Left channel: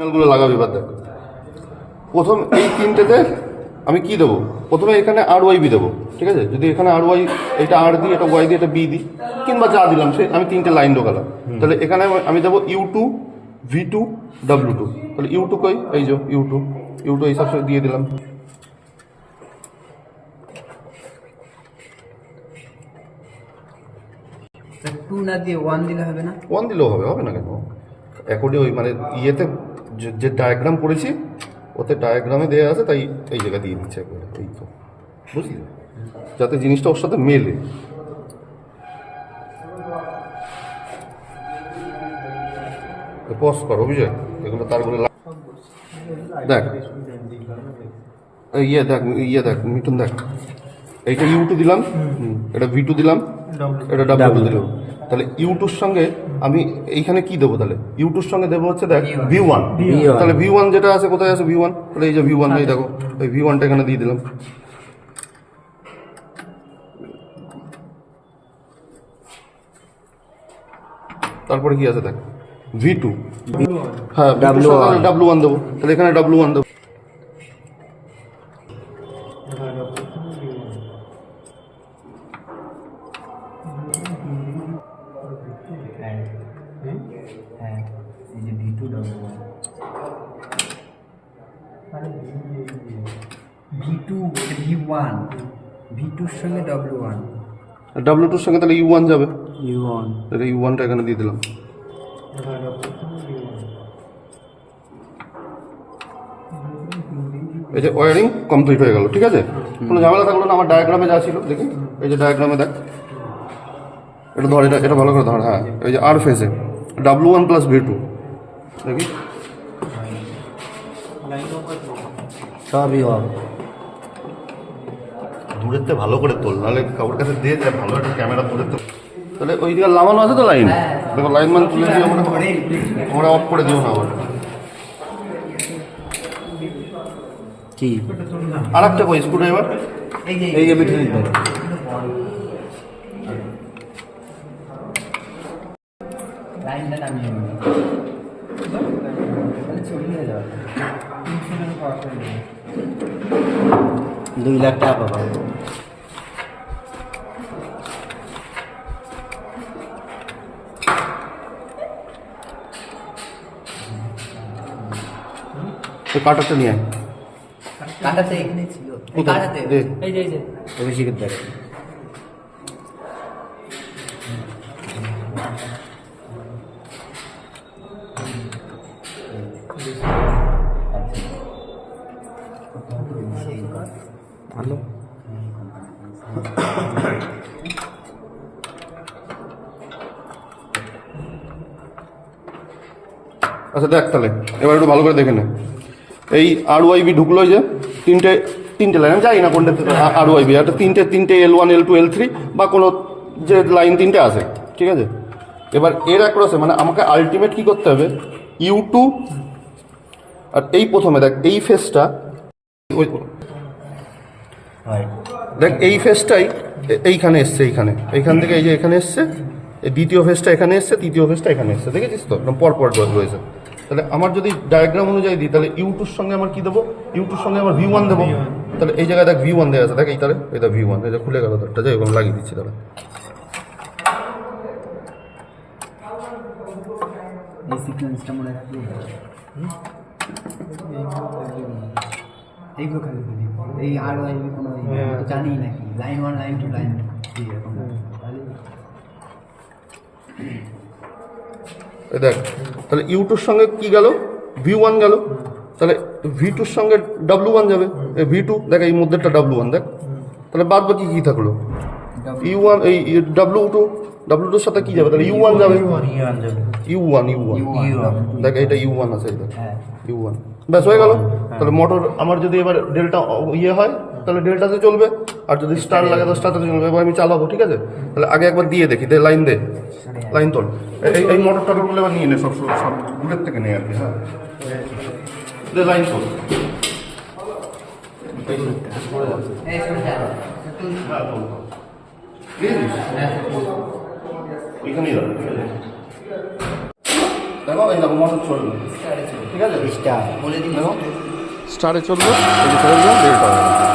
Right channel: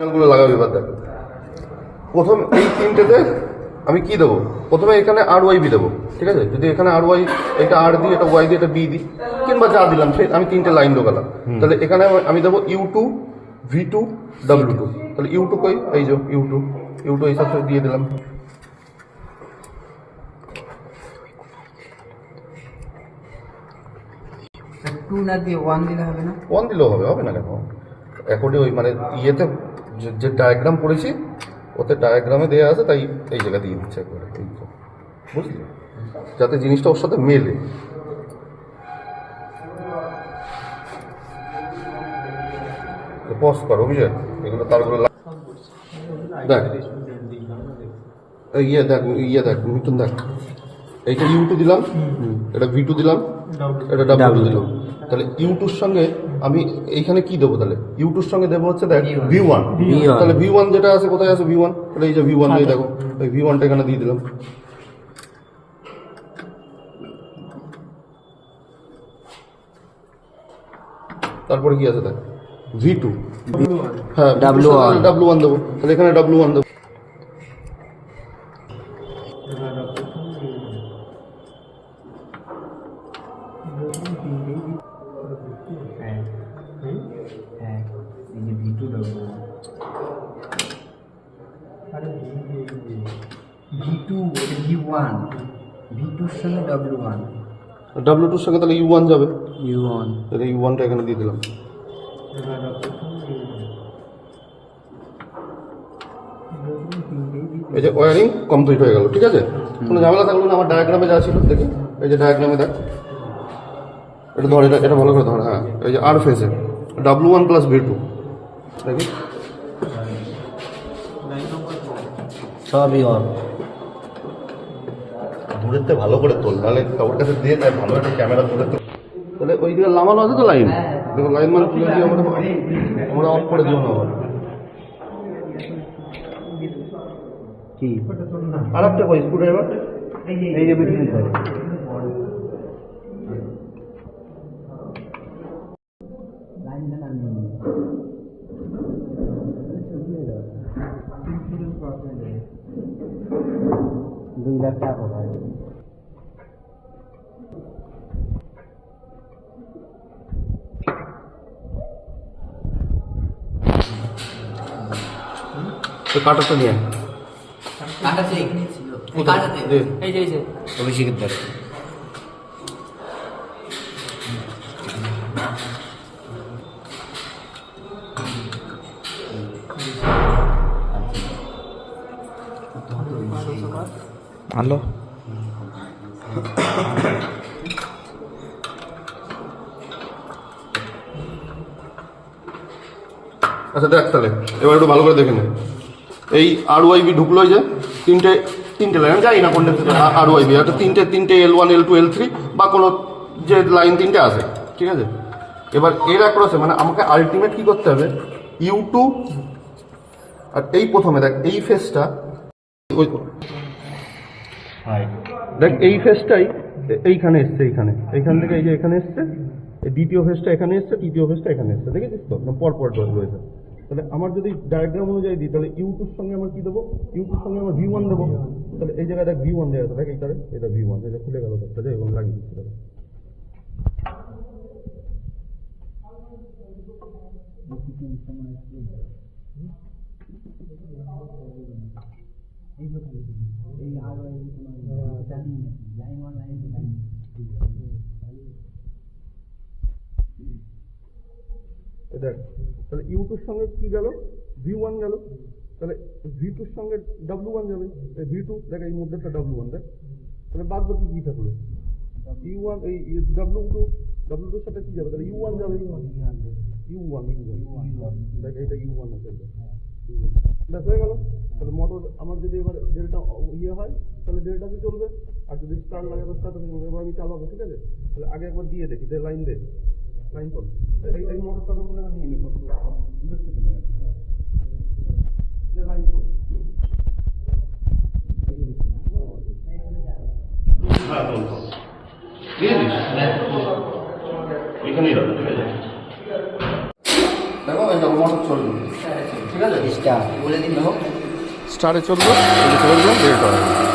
গুলো লাগাবো এবার দেখ প্রথম এই তিনটেতে আমি কি দেবো? প্রথমে এখানে আর ওয়াই বি দেবো ঠিক আছে? যদি এখানে আর ওয়াই এটা আর দিই এটা ওয়াই দিই এটা বি দিই কিংবা যা দিলাম সে আমি তিনটে লাইন ঢোকালাম। তাহলে এখানে আমি- আমি দেবো U two V two W two তাহলে ইউ টু কই? এই যে ইউ টু ইউ টু এইসব দিয়ে দিলাম। টু না দিয়ে ওয়ান দিলে হবে না? ওয়ান দিলেও হবে হবে না কেন? অ্যাকর্ডিং ওই মানে ইয়েতে যে- যে ডায়াগ্রাম করেছি ওতে ডায়াগ্রামে দেওয়া আছে তাই এই জায়গা দিয়ে দিচ্ছে একবারে এই তো। বুঝলি? যাতে জিনিসটা ওর সাথে মেলে। পজ কর অভিষেক। এগুলো তারগুলো দেখ। ইয়ে দেখ ইয়ে দেখ মিটুন দেখ। এইটা ইউ টু দিলাম। হুম, এটা ভি টু দিলাম। এটা ডাব্লিউ দিলাম। তাহলে ইউটুর সঙ্গে আমি এইখানে কি দেবো তাহলে? ইউটুর সঙ্গে দেবো হচ্ছে দেখ ভি ওয়ান তাহলে ভি ওয়ান যেটা আছে কোথায় আছে? ভি ওয়ান তাহলে এই যে ভি ওয়ান এই দেখো। এই ভি ওয়ানটা এখানে দিয়ে দিলাম। তারপরে কি আছে দেখ? ভি টু হ্যাঁ W1 ডাব্লু ওয়ান দেবো। তাহলে এখানে ডাব্লু ওয়ান দেবো। V two double V two one V টুর সঙ্গে ডব্লিউ ওয়ান টুর সঙ্গে তাহলে ইউ ওয়ান যাবে। ইউ ওয়ান তাহলে ইউ ওয়ানটা এখানে দিয়ে দিলাম। এই যে ওয়ারিং কমপ্লিট হয়ে গেল ঠিক আছে? কোনো ঝামেলা থাকল না আমার ডায়াগ্রামে যা ছিল দেখি। এই যে ডায়াগ্রামে দেখ। এটা ধর এটা এটা ভালো করে ধর হ্যাঁ। এই যে আর ফেজে W one plus V two দেখি। সবই অন দূরের থেকে ভালো করে তোল নাহলে কাউর কাছে দিয়ে যা ভালো একটা ক্যামেরা ধরে তো। তাহলে ওই দিকে লাগানো আছে তো লাইন? দেখো লাইন মানে তুলে দিয়ে আমরা আমরা অফ করে দিও না আবার। কি? আর একটা কই স্ক্রু ড্রাইভার? এই যে এই যে। দিতে। লাইনটা নামিয়ে দুই লাখ টাকা পাবো। তো কাটারটা নিয়ে আয়। কাটাতে এখানে ছিল। এই কোথায়? কাটাতে দে। এই যে এই যে। অভিষেকের দ্বারা ভালো আচ্ছা দেখ তাহলে, এবার একটু ভালো করে দেখে নে। এই আর ওয়াইবি ঢুকলো যে, তিনটে তিনটে লাইন যাই না কোনটা আর ওয়াইবি একটা তিনটে তিনটে L one L two L three বা কোনো যে লাইন তিনটে আছে, ঠিক আছে? এবার এর অ্যাক্রসে মানে আমাকে আলটিমেট কি করতে হবে? ইউ টু আর এই প্রথমে দেখ, এই ফেসটা ওই দেখ এই ফেসটাই এইখানে এসছে এইখানে। এইখান থেকে এই যে এখানে এসছে এই দ্বিতীয় ফেসটা এখানে এসছে তৃতীয় ফেসটা এখানে এসছে দেখেছিস তো? একদম পর পর ডট রয়েছে। তাহলে আমার যদি ডায়াগ্রাম অনুযায়ী দিই তাহলে ইউটুর সঙ্গে আমার কি দেবো? ইউটুর সঙ্গে আমার ভি ওয়ান দেবো? তাহলে এই জায়গায় দেখ ভি ওয়ান দেওয়া আছে। দেখ এই তাহলে এটা ভি ওয়ান এটা খুলে গেল তারটা যাই হোক লাগিয়ে দিচ্ছি তাহলে এই সিকোয়েন্সটা মনে রাখবি। এইগুলো খালি বলি এই আর ওয়াই কোনো জানি নাকি। Line one line two line দেখ তাহলে ইউটুর সঙ্গে কি গেল? ভি ওয়ান গেল। তাহলে ভি টুর সঙ্গে ডাব্লু ওয়ান যাবে। ভি টু দেখ এই মধ্যেটা ডাব্লু ওয়ান দেখ। তাহলে বাদ বাকি কী থাকল? ইউ ওয়ান এই ডাব্লু টু ডাব্লু টুর সাথে কি যাবে? তাহলে ইউ ওয়ান যাবে। ইউ ওয়ান ইউ ওয়ান দেখ এটা ইউ ওয়ান আছে এটা হ্যাঁ ওয়ান ব্যাস হয়ে গেল। তাহলে মোটর আমার যদি এবার ডেল্টা ইয়ে হয় তাহলে ডেল্টাতে চলবে। আর যদি স্টার লাগে তো স্টারতে চলবে। এবার আমি চালাবো ঠিক আছে? তাহলে আগে একবার দিয়ে দেখি দে লাইন দে। লাইন তোল। এই এই মোটরটা বলে এবার নিয়ে নে সব সব দূরের থেকে নে আর কি হ্যাঁ? দে লাইন তোল। হ্যাঁ এখানেই রাখো ঠিক আছে? দেখো এই দেখো মোটর চলবে। ঠিক আছে? স্টার। বলে দিন স্টারে চলবে ছেড়ে দিলাম